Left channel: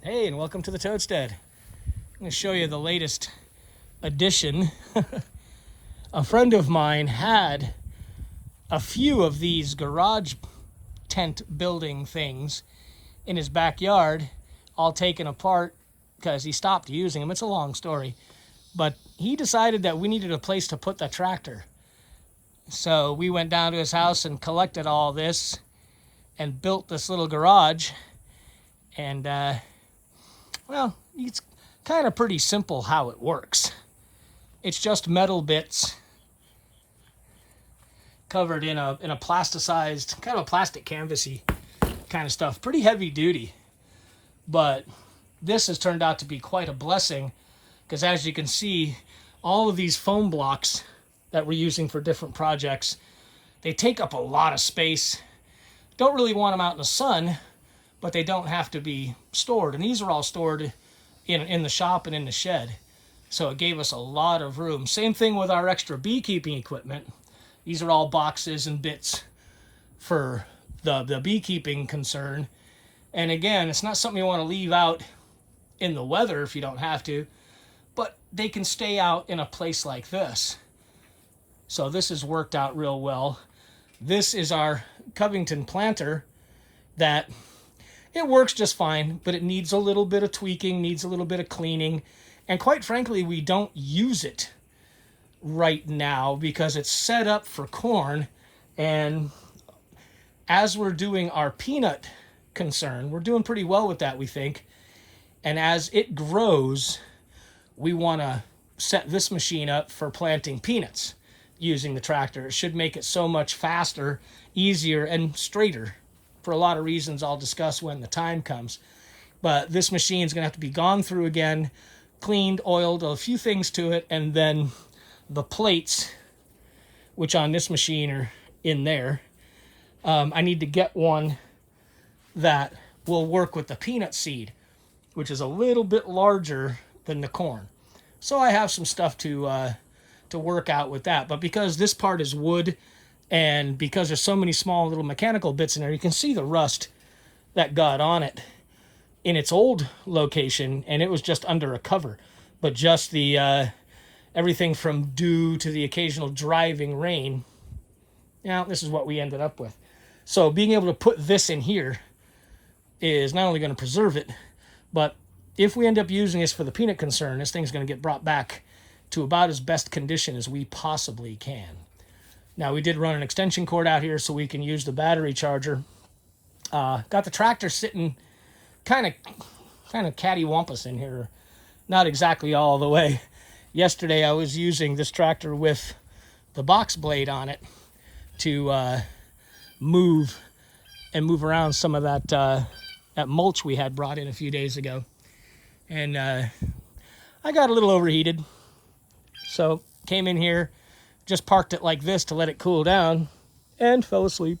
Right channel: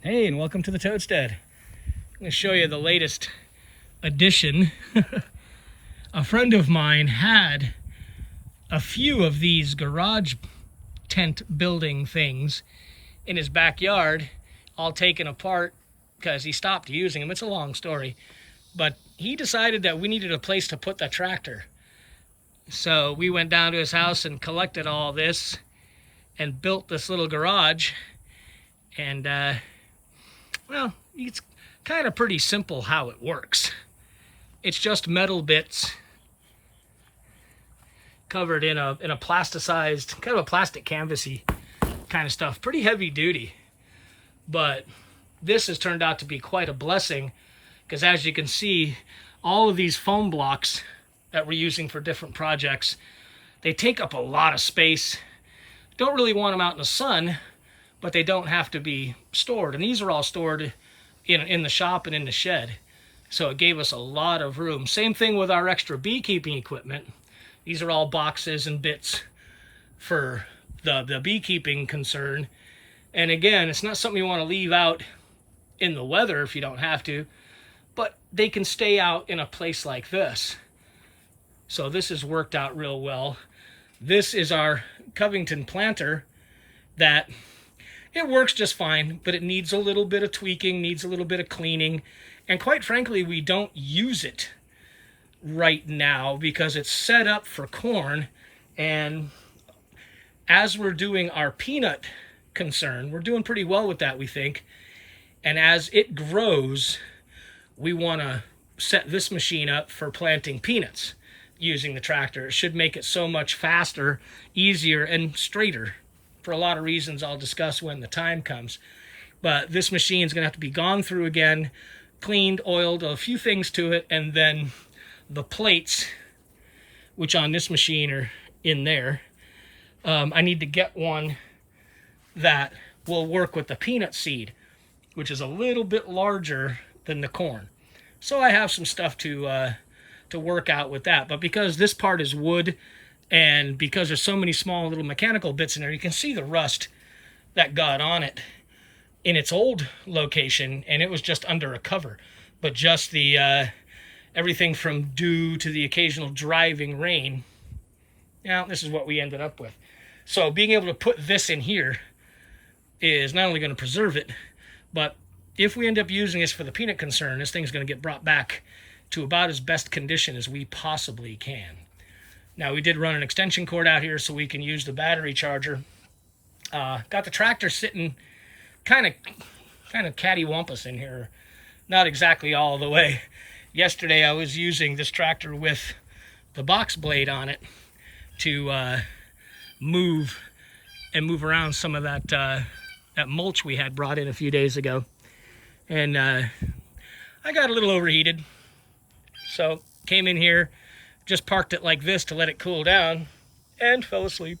Hey, and welcome to the Toadstead. I'm going to show you the latest addition. A friend of mine had a few of these garage tent building things in his backyard, all taken apart because he stopped using them. It's a long story, but he decided that we needed a place to put the tractor. So we went down to his house and collected all this and built this little garage. And well, it's kind of pretty simple how it works. It's just metal bits covered in a plasticized, kind of a plastic canvasy kind of stuff. Pretty heavy duty. But this has turned out to be quite a blessing because, as you can see, all of these foam blocks that we're using for different projects, they take up a lot of space. Don't really want them out in the sun, but they don't have to be stored. And these are all stored in the shop and in the shed. So it gave us a lot of room. Same thing with our extra beekeeping equipment. These are all boxes and bits for the beekeeping concern. And again, it's not something you want to leave out in the weather if you don't have to, but they can stay out in a place like this. So this has worked out real well. This is our Covington planter that it works just fine, but it needs a little bit of tweaking, needs a little bit of cleaning. And quite frankly, we don't use it right now because it's set up for corn. And as we're doing our peanut concern, we're doing pretty well with that, we think. And as it grows, we want to set this machine up for planting peanuts using the tractor. It should make it so much faster, easier, and straighter for a lot of reasons I'll discuss when the time comes. But this machine is going to have to be gone through again, cleaned, oiled, a few things to it, and then the plates, which on this machine are in there. I need to get one that will work with the peanut seed, which is a little bit larger than the corn. So I have some stuff to work out with that. But because this part is wood, and because there's so many small little mechanical bits in there, you can see the rust that got on it in its old location, and it was just under a cover. But just the everything from dew to the occasional driving rain, now this is what we ended up with. So being able to put this in here is not only going to preserve it, but if we end up using this for the peanut concern, this thing's going to get brought back to about as best condition as we possibly can. Now, we did run an extension cord out here so we can use the battery charger. Got the tractor sitting kind of cattywampus in here. Not exactly all the way. Yesterday, I was using this tractor with the box blade on it to move around some of that mulch we had brought in a few days ago. And I got a little overheated. So came in here, just parked it like this to let it cool down, and fell asleep.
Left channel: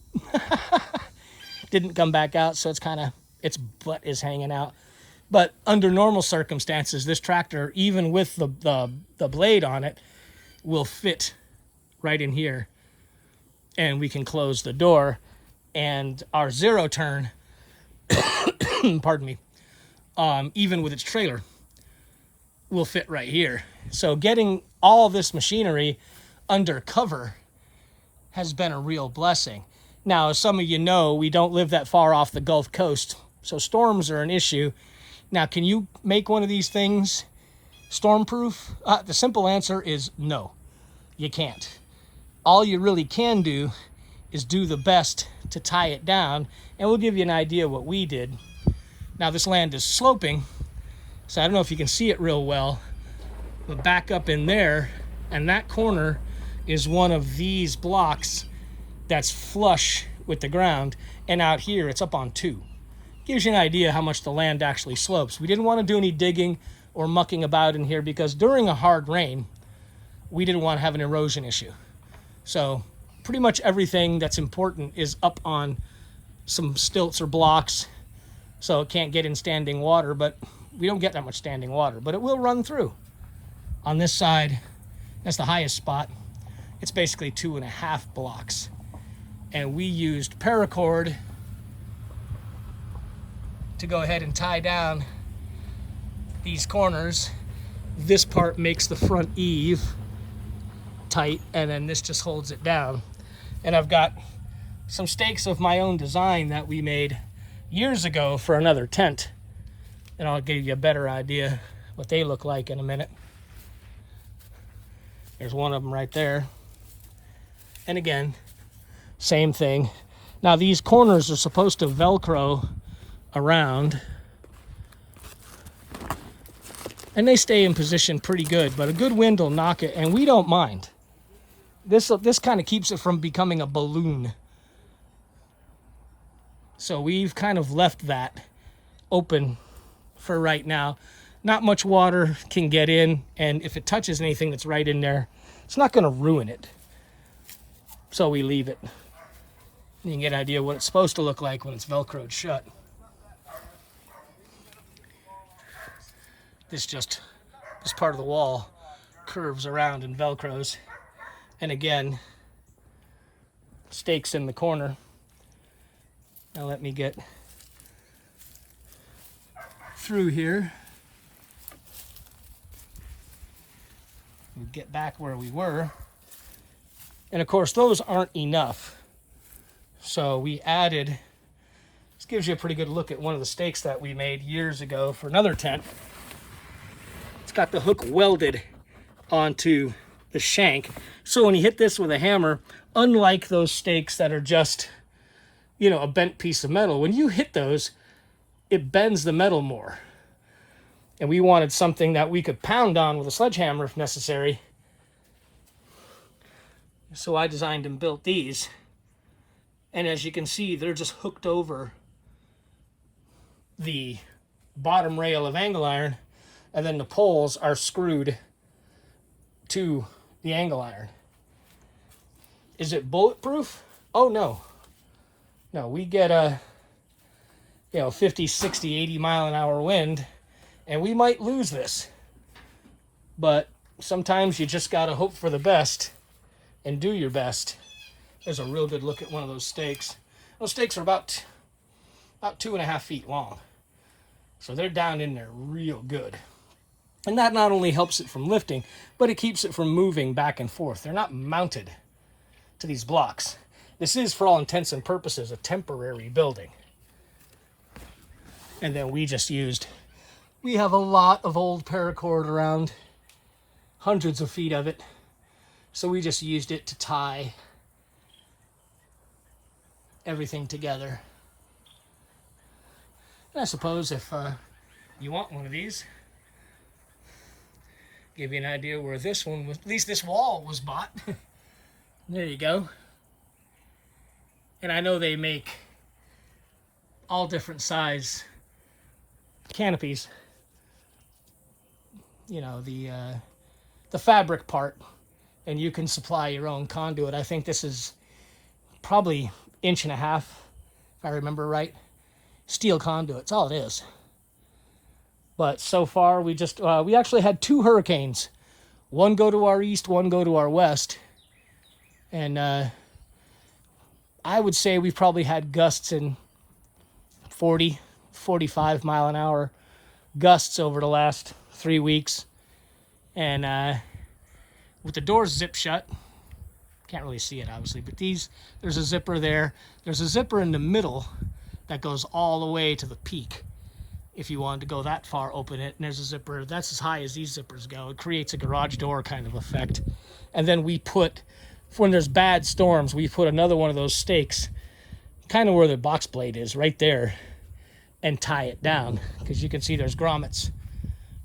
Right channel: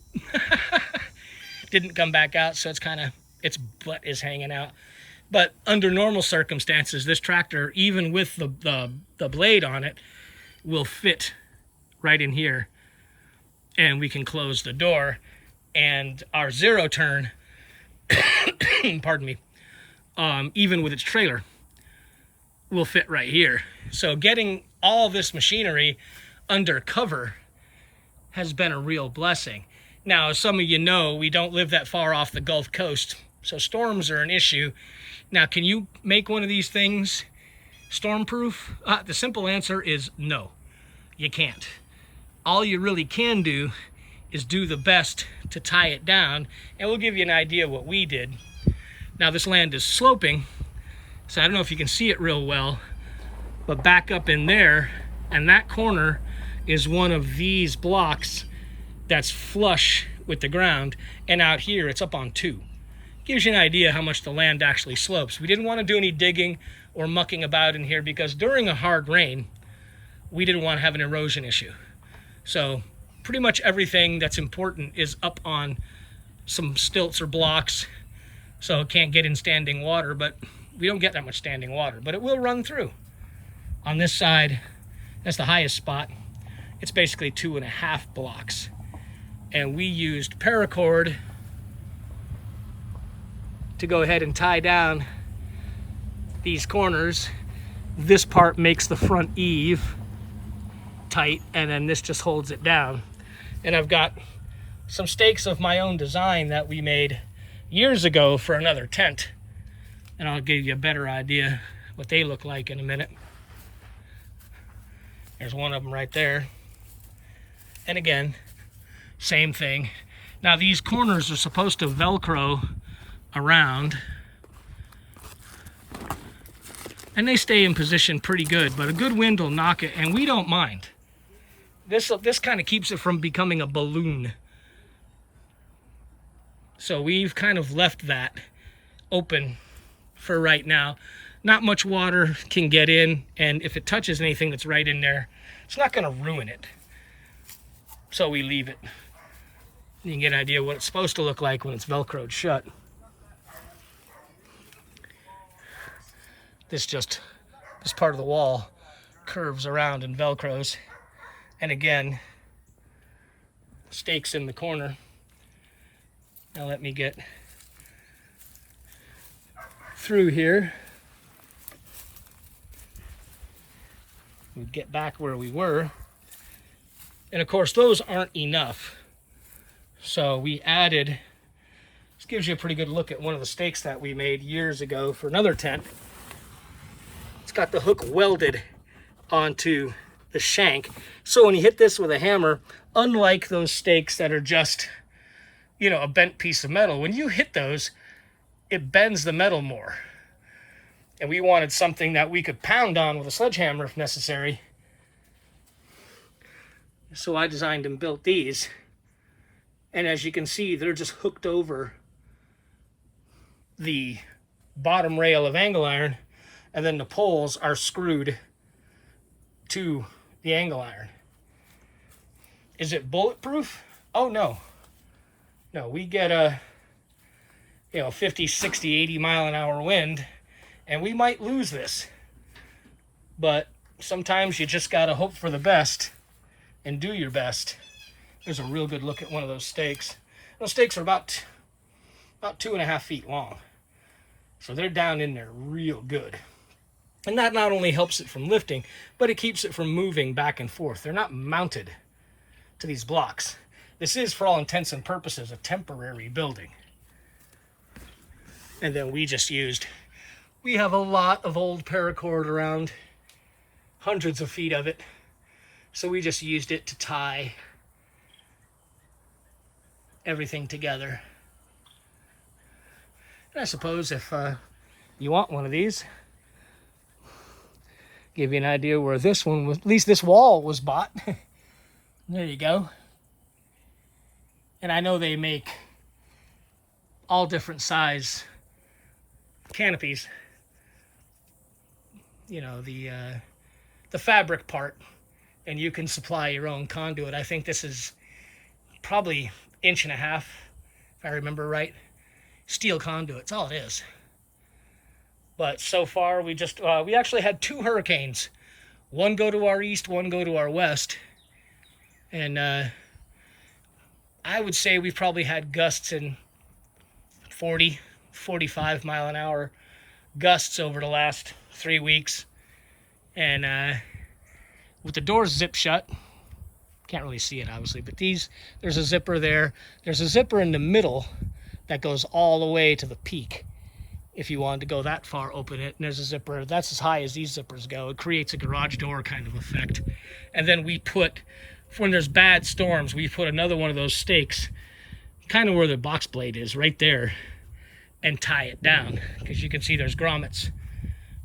Didn't come back out, so its butt is hanging out. But under normal circumstances, this tractor, even with the blade on it, will fit right in here, and we can close the door. And our zero turn, pardon me, even with its trailer, will fit right here. So getting all this machinery under cover has been a real blessing. Now, as some of you know, we don't live that far off the Gulf Coast, so storms are an issue. Now, can you make one of these things storm-proof? The simple answer is no, you can't. All you really can do is do the best to tie it down, and we'll give you an idea what we did. Now, this land is sloping, so I don't know if you can see it real well, but back up in there, and that corner is one of these blocks that's flush with the ground, and out here it's up on two. Gives you an idea how much the land actually slopes. We didn't want to do any digging or mucking about in here because during a hard rain, we didn't want to have an erosion issue. So pretty much everything that's important is up on some stilts or blocks, so it can't get in standing water, but we don't get that much standing water, but it will run through. On this side, that's the highest spot. It's basically 2.5 blocks. And we used paracord to go ahead and tie down these corners. This part makes the front eave tight, and then this just holds it down. And I've got some stakes of my own design that we made years ago for another tent, and I'll give you a better idea what they look like in a minute. There's one of them right there. And again, same thing. Now these corners are supposed to Velcro around, and they stay in position pretty good, but a good wind will knock it, and we don't mind. This kind of keeps it from becoming a balloon. So we've kind of left that open for right now. Not much water can get in, and if it touches anything that's right in there, it's not going to ruin it. So we leave it. You can get an idea what it's supposed to look like when it's Velcroed shut. This part of the wall curves around and Velcros. And again, stakes in the corner. Now let me get through here and get back where we were. And of course, those aren't enough. So we added, this gives you a pretty good look at one of the stakes that we made years ago for another tent. It's got the hook welded onto the shank. So when you hit this with a hammer, unlike those stakes that are just, you know, a bent piece of metal, when you hit those, it bends the metal more. And we wanted something that we could pound on with a sledgehammer if necessary. So I designed and built these. And as you can see, they're just hooked over the bottom rail of angle iron, and then the poles are screwed to the angle iron. Is it bulletproof? Oh no. No, we get a 50, 60, 80 mile an hour wind, and we might lose this. But sometimes you just gotta hope for the best and do your best. There's a real good look at one of those stakes. Those stakes are about 2.5 feet long. So they're down in there real good. And that not only helps it from lifting, but it keeps it from moving back and forth. They're not mounted to these blocks. This is, for all intents and purposes, a temporary building. And then we have a lot of old paracord around, hundreds of feet of it. So we just used it to tie everything together. And I suppose if you want one of these, give you an idea where this one was, at least this wall was bought. There you go. And I know they make all different size canopies. You know, the fabric part, and you can supply your own conduit. I think this is probably 1.5 inches, if I remember right. Steel conduit, that's all it is. But so far, we actually had 2 hurricanes. One go to our east, one go to our west. And I would say we've probably had gusts in 40, 45 mile an hour gusts over the last 3 weeks. And with the doors zipped shut, can't really see it obviously, but there's a zipper there. There's a zipper in the middle that goes all the way to the peak. If you wanted to go that far, open it. And there's a zipper that's as high as these zippers go. It creates a garage door kind of effect. And then we put, when there's bad storms, we put another one of those stakes kind of where the box blade is, right there, and tie it down. Because you can see there's grommets.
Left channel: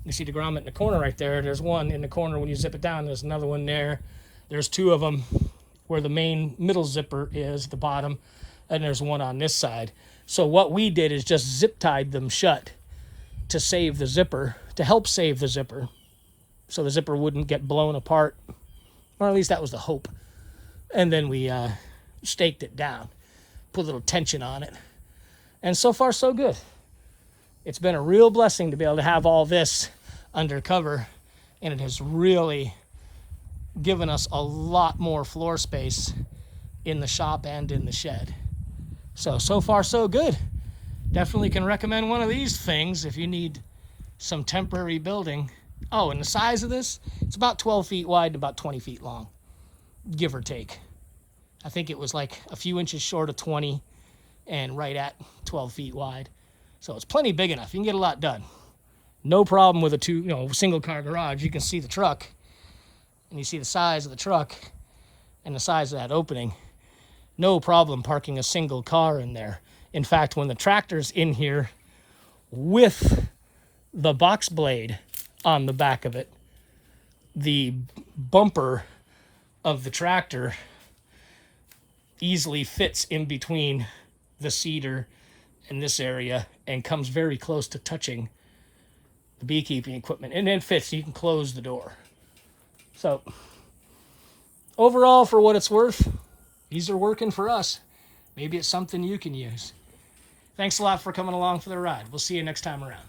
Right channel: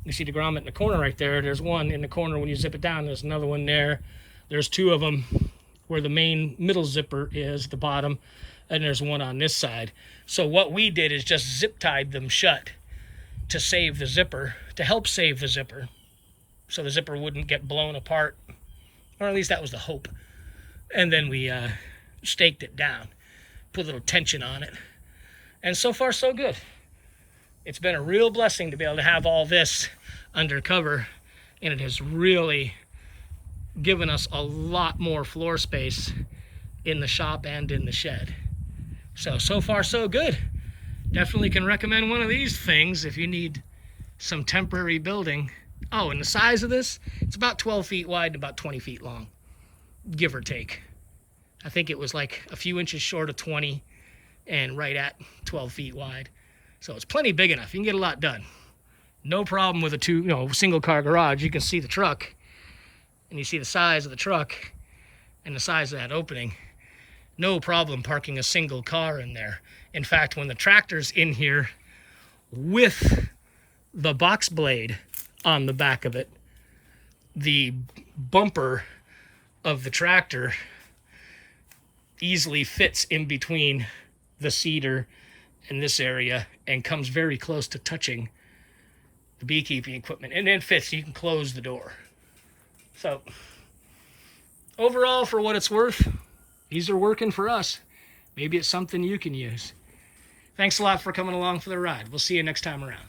You see the grommet in the corner right there. There's one in the corner when you zip it down. There's another one there. There's 2 of them where the main middle zipper is, the bottom, and there's one on this side. So what we did is just zip tied them shut to save the zipper, to help save the zipper, so the zipper wouldn't get blown apart, or at least that was the hope. And then we staked it down, put a little tension on it, and so far so good. It's been a real blessing to be able to have all this under cover, and it has really given us a lot more floor space in the shop and in the shed. So far so good. Definitely can recommend one of these things if you need some temporary building. Oh, and the size of this, it's about 12 feet wide and about 20 feet long, give or take. I think it was like a few inches short of 20 and right at 12 feet wide. So it's plenty big enough. You can get a lot done. No problem with a single car garage. You can see the truck and you see the size of the truck and the size of that opening. No problem parking a single car in there. In fact, when the tractor's in here with the box blade on the back of it, the bumper of the tractor easily fits in between the cedar and this area and comes very close to touching the beekeeping equipment, and it fits. You can close the door. So overall, for what it's worth, these are working for us. Maybe it's something you can use. Thanks a lot for coming along for the ride. We'll see you next time around.